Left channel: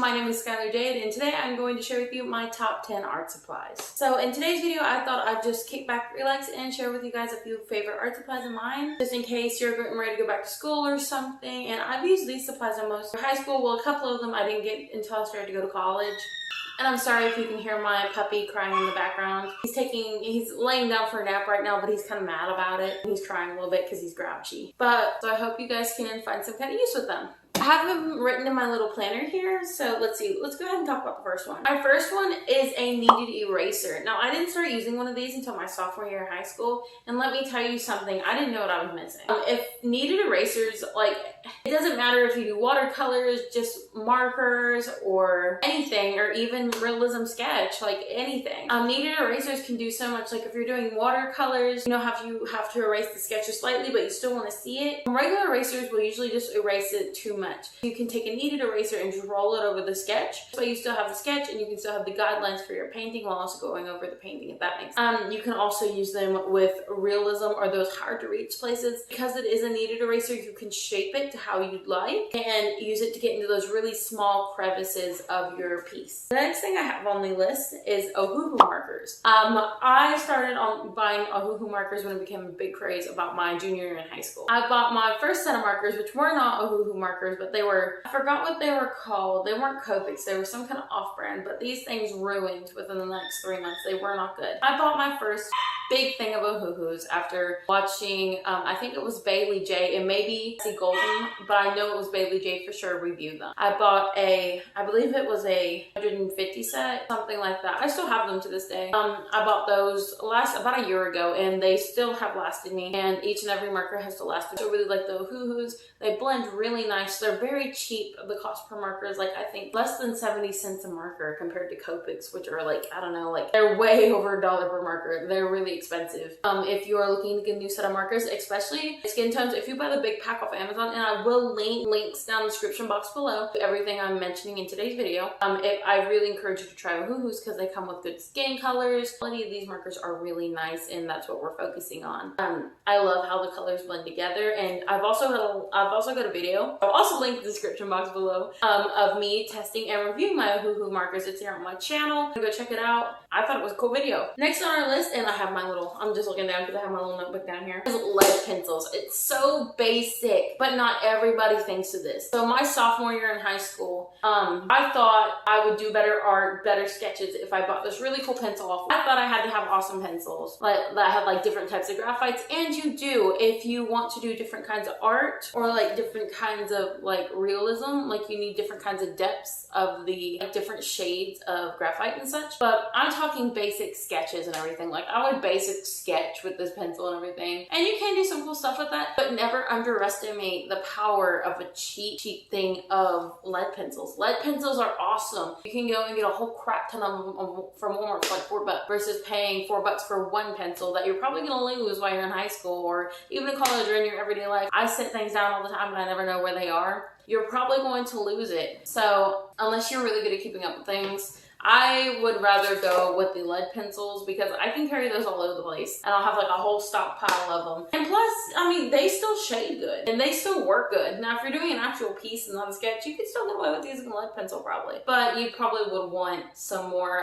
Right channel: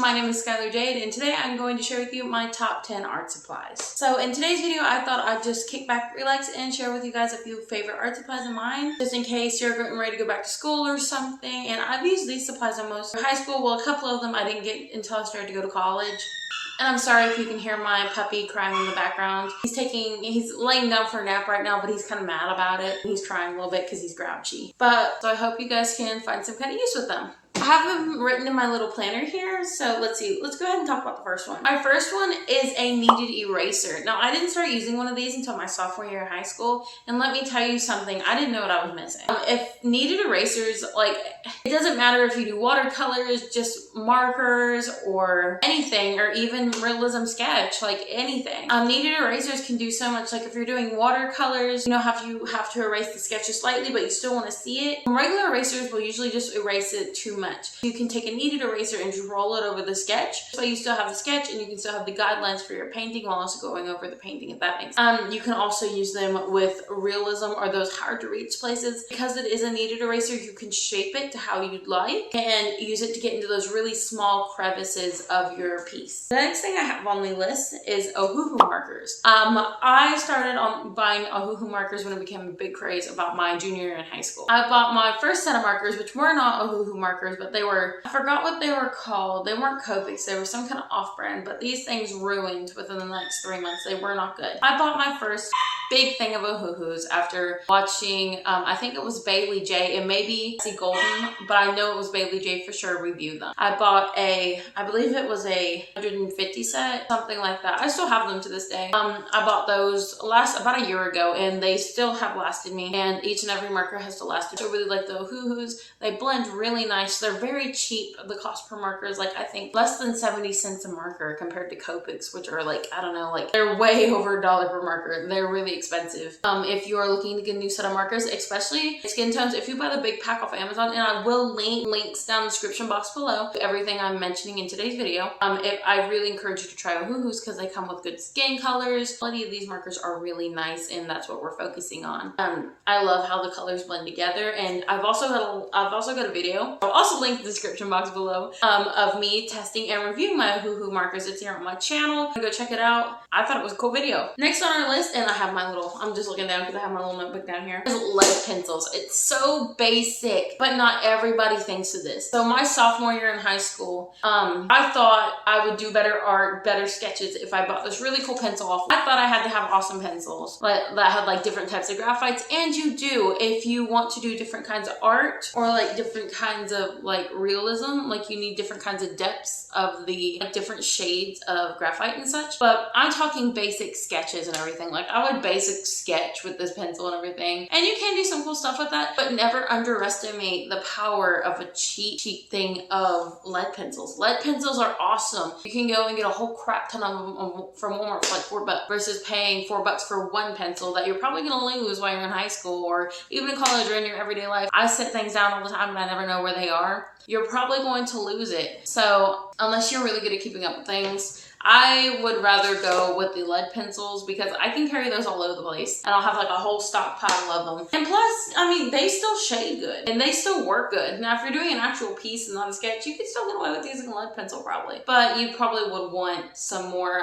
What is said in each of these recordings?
my name is Skylar Jade, and today I'm going to share with you my top 10 art supplies. So in today's video, I thought I'd just kick back, relax, and share with you guys a few favorite art supplies of mine, just in case you're getting ready to go back to school or something. And I've used these supplies in most high school. Well, a couple of them I didn't get until I started to go to college. And I'm sorry if you can hear my puppy crying in the background. He's laying down for a nap right now, but he's kind of mad about it. He's crying a little bit because he's grouchy. So I hope you guys can find some kind of use with them. I have them written in my little planner here, so let's see. Let's go ahead and talk about the first one. Our first one is a kneaded eraser. Now, I didn't start using one of these until my sophomore year of high school, and let me tell you something, I didn't know what I was missing. If kneaded erasers, like, it doesn't matter if you do watercolors, just markers, or anything, or even realism sketch, like anything. Kneaded erasers can do so much. Like if you're doing watercolors, you know how you have to erase the sketches slightly, but you still want to see it. Regular erasers will usually just erase it too much. You can take a kneaded eraser and just roll it over the sketch, so you still have the sketch and you can still have the guidelines for your painting while also going over the painting, if that makes sense. You can also use them with realism or those hard to reach places. Because it is a kneaded eraser, you can shape it to how you'd like and use it to get into those really small crevices of your piece. The next thing I have on the list is Ohuhu markers. I started on buying Ohuhu markers when it became a big craze about my junior year in high school. I bought my first set of markers, which were not Ohuhu markers, but they were, I forgot what they were called. They weren't Copics, they were some kind of off-brand, but these things ruined within the next 3 months. They were not good. I bought my first big thing of Ohuhus after watching, I think it was Bailey J and maybe Cassie Golden, but I know it was Bailey J for sure, review them. I bought I believe it was a 150 set, something like that. I still have them to this day. I bought those about a year ago and they still have lasted me, and each and every marker has still lasted. So I really like the Ohuhus. They blend really nice. They're very cheap. The cost per marker is like, I think, less than 70 cents a marker compared to Copics, which are like, I don't know, like they're way over $1 per marker. They're really expensive. If you are looking to get a new set of markers, especially skin tones, if you buy the big pack off Amazon, and I will link links down in the description box below to everything I'm mentioning in today's video, I really encourage you to try Ohuhus because they come with good skin colors. Quality of these markers are really nice, and that's what we're focusing on. I love how the colors blend together, and I've also got a video. I'll also link the description box below of me testing and reviewing my Ohuhu markers. It's here on my channel. Go check it out. I thought it was a cool video. Next on our list, and I have my little, I'm just looking down because I have my little notebook down here, is lead pencils. It's so basic, but not everybody thinks of this. So my sophomore year in high school, I thought I would do better art, better sketches if I bought this really cool pencil off. I thought I had to have awesome pencils that had like different types of graphites, and you do if you want to do different kinds of art or like different kinds of like realism. Like you need different kinds of depths of the like, different shades of graphite and such. But I'm talking basic sketches and everything. Like I would basic sketch with this pencil and everything, and you can do some cool stuff with that, but never underestimate the power of a cheap thing of lead pencils. Lead pencils are awesome. You can go and get a whole crap ton of them from Walmart for like $4 versus paying $4 for one pencil that you're probably gonna lose while you're in high school or even in college or in your everyday life. I set things down all the time and I never know where they are. You're probably going to lose it. So unless you're really good at keeping up with things, I would rather go with the lead pencils because I can carry those all over the place and I'll have like a whole stockpile of them. And plus, I mean, they still shade good and they still work good. Now, if you're doing an actual piece and not a sketch, you could still get away with using a lead pencil probably. But you probably would want some more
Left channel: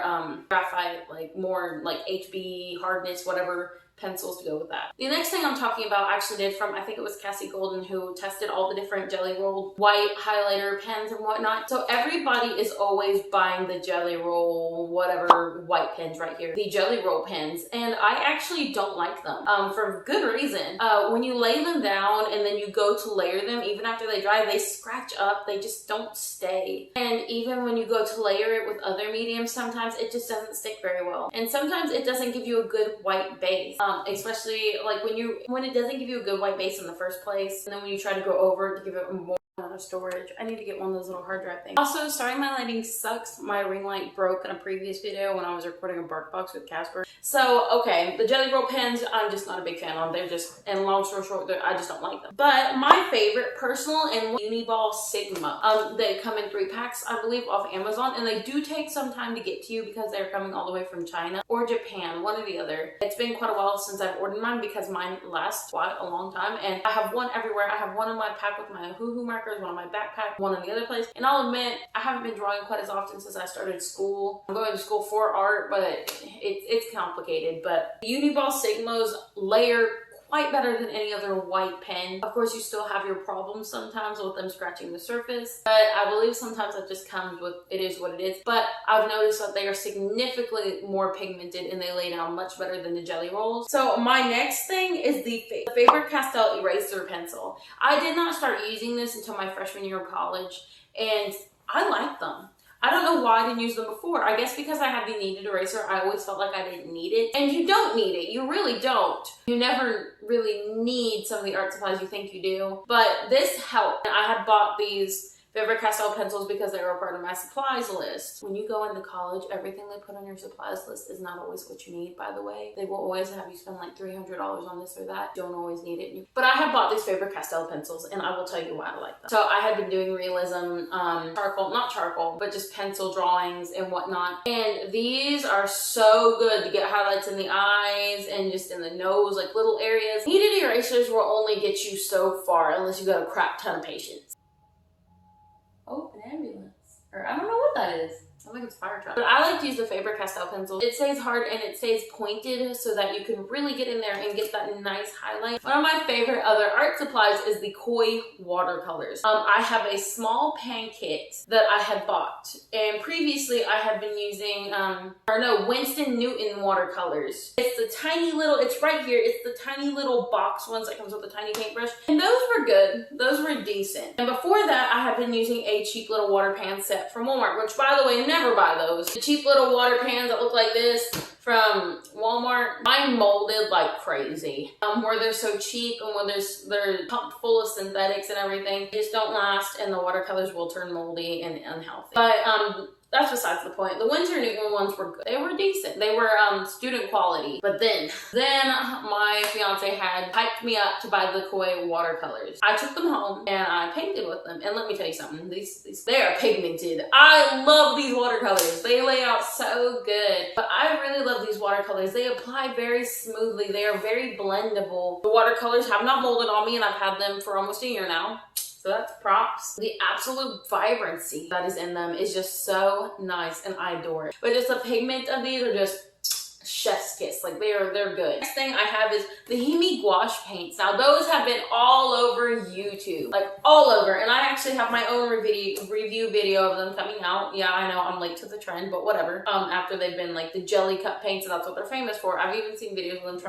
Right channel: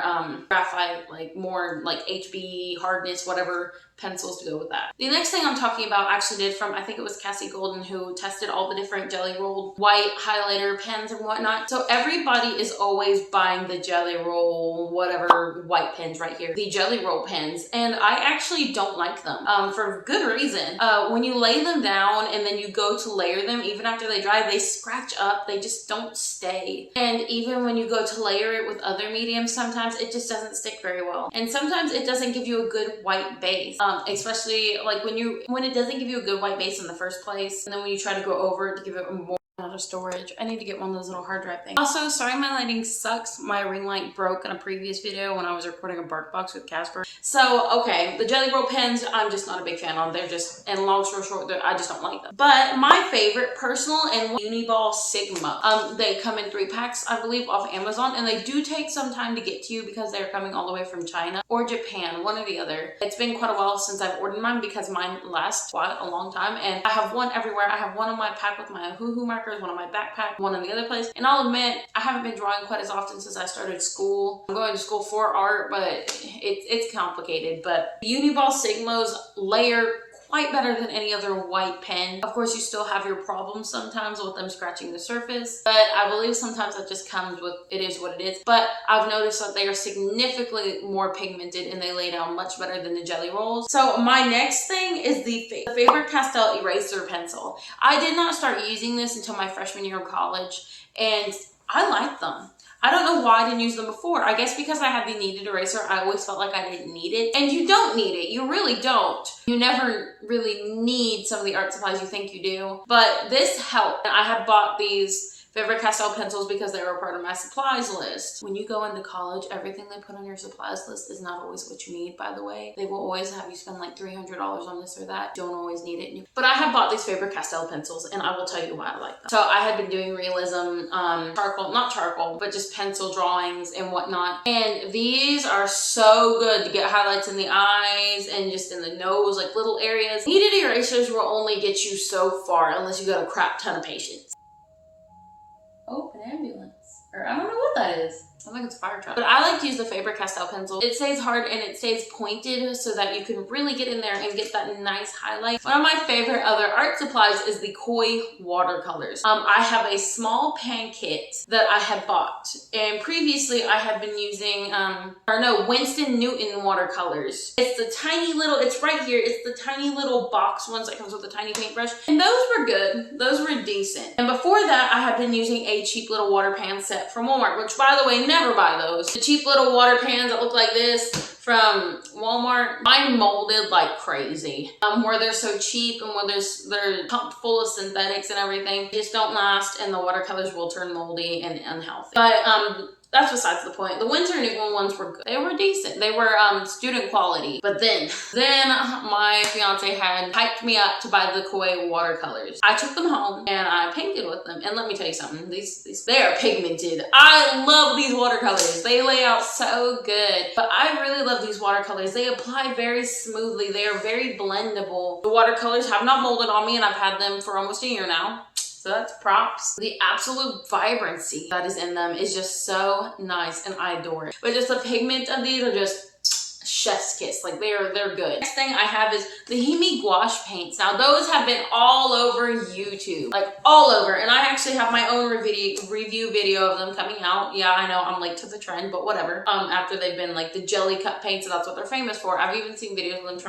graphite, like more like HB, hardness, whatever pencils to go with that. The next thing I'm talking about I actually did from, I think it was Cassie Golden, who tested all the different jelly rolled white highlighter pens and whatnot. So everybody is always buying the jelly roll, whatever white pens right here, the jelly roll pens, and I actually don't like them for good reason. When you lay them down and then you go to layer them, even after they dry, they scratch up, they just don't stay. And even when you go to layer it with other mediums, sometimes it just doesn't stick very well. And sometimes it doesn't give you a good white base. Especially like when it doesn't give you a good white base in the first place, and then when you try to go over it to give it more out of storage. I need to get one of those little hard drive things. Also, sorry my lighting sucks. My ring light broke in a previous video when I was recording a Bark Box with Casper. So, okay, the jelly roll pens, I'm just not a big fan of. They're just, and long story short, I just don't like them. But my favorite personal and Uniball Sigma. They come in 3 packs, I believe, off Amazon, and they do take some time to get to you because they're coming all the way from China or Japan, one or the other. It's been quite a while since I've ordered mine because mine lasts quite a long time, and I have one everywhere. I have one in my pack with my Ohuhu marker crackers, one in my backpack, one in the other place. And I'll admit, I haven't been drawing quite as often since I started school. I'm going to school for art, but it's complicated. But Uniball Sigmas layer quite better than any other white pen. Of course, you still have your problems sometimes with them scratching the surface, but I believe sometimes that just comes with, it is what it is. But I've noticed that they are significantly more pigmented and they lay down much better than the jelly rolls. So my next thing is the Faber-Castell Eraser pencil. I did not start using this until my freshman year of college, and I like them. I don't know why I didn't use them before. I guess because I had the Kneaded Eraser, I always felt like I didn't need it. And you don't need it. You really don't. You never really need some of the art supplies you think you do. But this helped. I had bought these Faber-Castell pencils because they were part of my supplies list. When you go into college, everything they put on your supplies list is not always what you need, by the way. They will always have you spend like $300 on this or that. Don't always need it. But I have bought these Faber-Castell pencils, and I will tell you why I like them. So I had been doing realism, not charcoal, but just pencil drawings and whatnot. And these are so good to get highlights in the eyes and just in the nose, like little areas. Kneaded erasers will only get you so far unless you got a crap ton of patience. Oh, an ambulance. Or I don't know what that is. I think it's a fire truck. But I like to use the Faber-Castell pencil. It stays hard and it stays pointed so that you can really get in there and get that nice highlight. One of my favorite other art supplies is the Koi watercolors. I have a small pan kit that I had bought. And previously I had been using, Winston Newton watercolors. It's the tiny little, it's right here. It's the tiny little box ones that comes with a tiny paintbrush. And those were good. Those were decent. And before that, I had been using a cheap little water pan set from Walmart, which by the way, never buy those. The cheap little water pans that look like this from Walmart, mine molded like crazy. Where they're so cheap and where they're pumped full of synthetics and everything, just don't last, and the watercolors will turn moldy and unhealthy. But that's besides the point. The Winston Newton ones were good. They were decent. They were student quality. But then my fiance had hyped me up to buy the Koi watercolors. I took them home and I painted with them. And let me tell you something. They are pigmented. I love these watercolors. They lay out so good. But I really love these watercolors. They apply very smoothly. They are very blendable. The watercolors have not molded on me, and I've had them for almost a year now. So that's props. The absolute vibrancy that is in them is just so nice, and I adore it. But just the pigment of these are just chef's kiss. Like they're good. Next thing I have is the Hemi gouache paints. Now those have been all over YouTube, like all over, and I actually have my own review video of them coming out. Yeah, I know I'm late to the trend, but whatever. After they've been like the jelly cut paints, and that's what they're famous for. I've even seen videos of them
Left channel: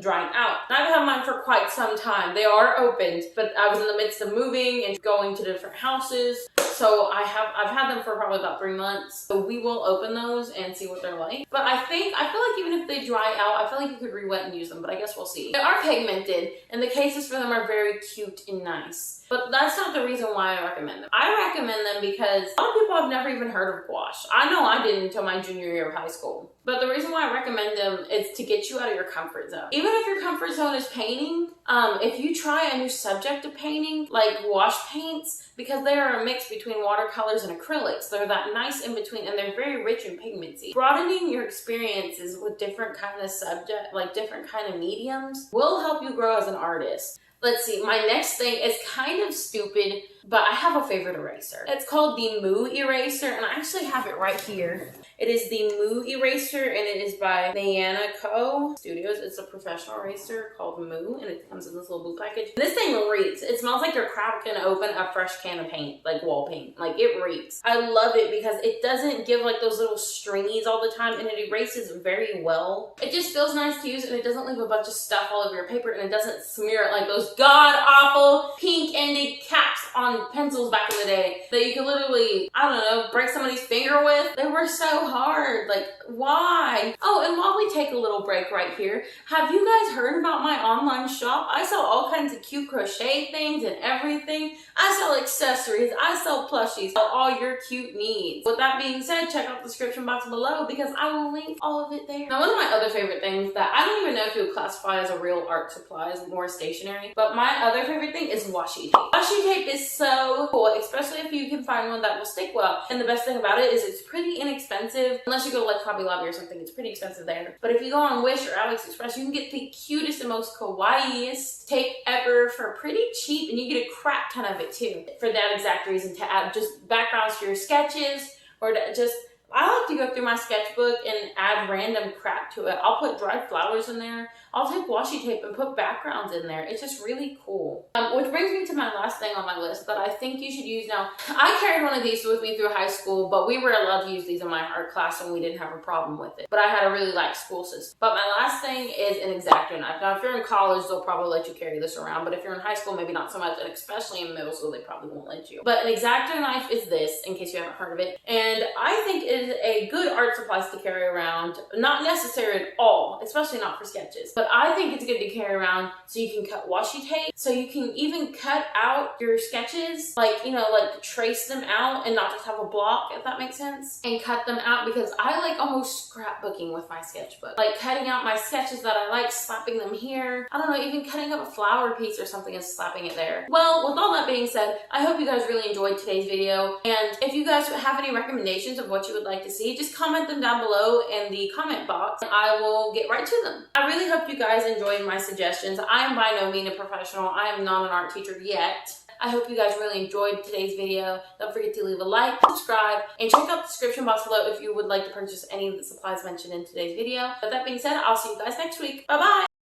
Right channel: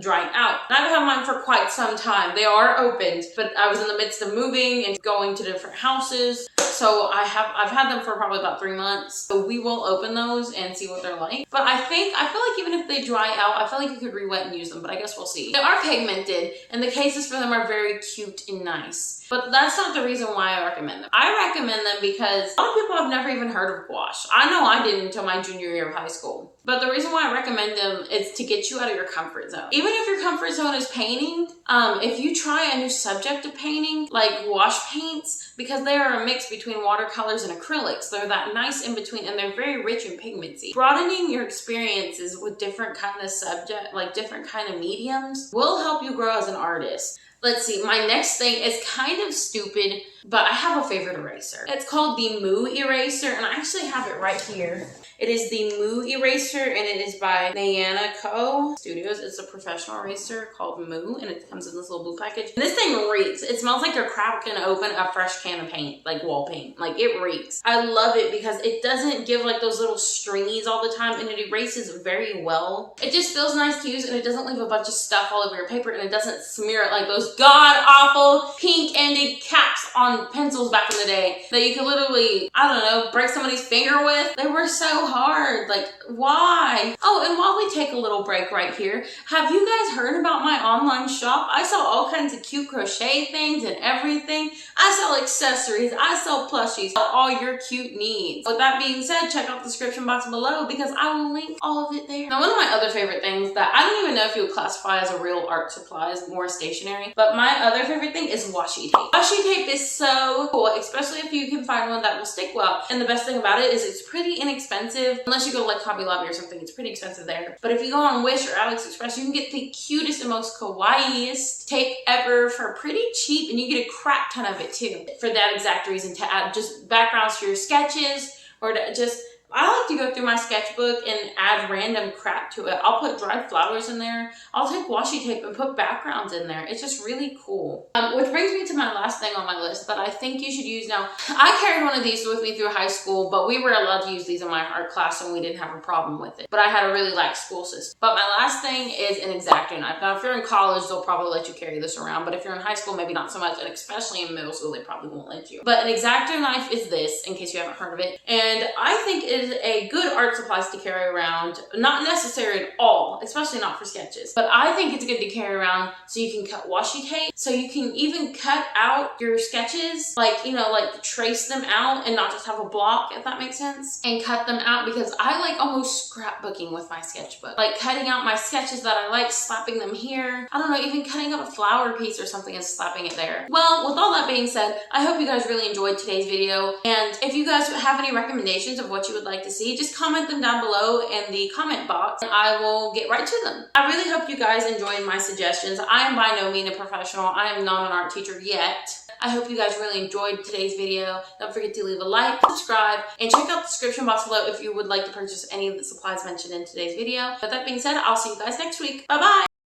drying out. And I've had mine for quite some time. They are opened, but I was in the midst of moving and going to different houses. So I've had them for probably about 3 months. So we will open those and see what they're like. But I feel like even if they dry out, I feel like you could re-wet and use them, but I guess we'll see. They are pigmented, and the cases for them are very cute and nice. But that's not the reason why I recommend them. I recommend them because a lot of people have never even heard of gouache. I know I didn't until my junior year of high school. But the reason why I recommend them is to get you out of your comfort zone. Even if your comfort zone is painting, if you try a new subject of painting, like gouache paints, because they are a mix between watercolors and acrylics, they're that nice in between, and they're very rich in pigmency. Broadening your experiences with different kind of subject, like different kind of mediums, will help you grow as an artist. Let's see, my next thing is kind of stupid, but I have a favorite eraser. It's called the Moo Eraser, and I actually have it right here. It is the Moo Eraser, and it is by Nyanako Studios. It's a professional eraser called Moo, and it comes in this little blue package. And this thing reeks. It smells like you're cracking open a fresh can of paint, like wall paint. Like, it reeks. I love it because it doesn't give like those little stringies all the time, and it erases very well. It just feels nice to use, and it doesn't leave a bunch of stuff all over your paper, and it doesn't smear it like those god-awful pink-ended caps on pencils back in the day that you could literally, I don't know, break somebody's finger with. They were so hard. Like, why? Oh, and while we take a little break right here, have you guys heard about my online shop? I sell all kinds of cute crochet things and everything. I sell accessories. I sell plushies. All your cute needs. With that being said, check out the description box below because I will link all of it there. Now, one of my other favorite things that I don't even know if you would classify as a real art supply, is more stationery, but my other favorite thing is washi tape. Washi tape is so cool, especially if you can find one that will stick well. And the best thing about it is it's pretty inexpensive. Unless you go like Hobby Lobby or something, it's pretty expensive there. But if you go on Wish or AliExpress, you can get the cutest and most kawaiiest tape ever for pretty cheap, and you get a crap ton of it too. For that exact reason, to add just backgrounds to your sketches, or to just, I like to go through my sketchbook and add random crap to it. I'll put dried flowers in there. I'll take washi tape and put backgrounds in there. It's just really cool. Which brings me to my last thing on my list that I think you should use now. I carried one of these with me through high school, but we were allowed to use these in my art class and we didn't have a problem with it. But I had a really lax school system. But my last thing is an Exacto knife. Now, if you're in college, they'll probably let you carry this around, but if you're in high school, maybe not so much, and especially in middle school, they probably won't let you. But an Exacto knife is this, in case you haven't heard of it, and I think it is a good art supplies to carry around. Not necessary at all, especially not for sketches, but I think it's good to carry around so you can cut washi tape, so you can even cut out your sketches, like, you know, like trace them out and not just have a block, if that makes sense, and cut them out, because I like almost scrapbooking with my sketchbook, like cutting out my sketches that I like, slapping them here. I don't know, even cutting out a flower piece or something and slapping it there. Well, with all that being said, I hope you guys really enjoyed today's video, and if you guys have any recommendations of what you would like to see, just comment them down below in the comment box and I will get right to them. I really hope you guys enjoyed my suggestions. I am by no means a professional. I am not an art teacher yet. I hope you guys really enjoyed today's video. Don't forget to leave a like, subscribe, and check out the description box below if you would like to purchase any of the supplies mentioned in today's video. With that being said, I'll see you guys next week. Bye-bye!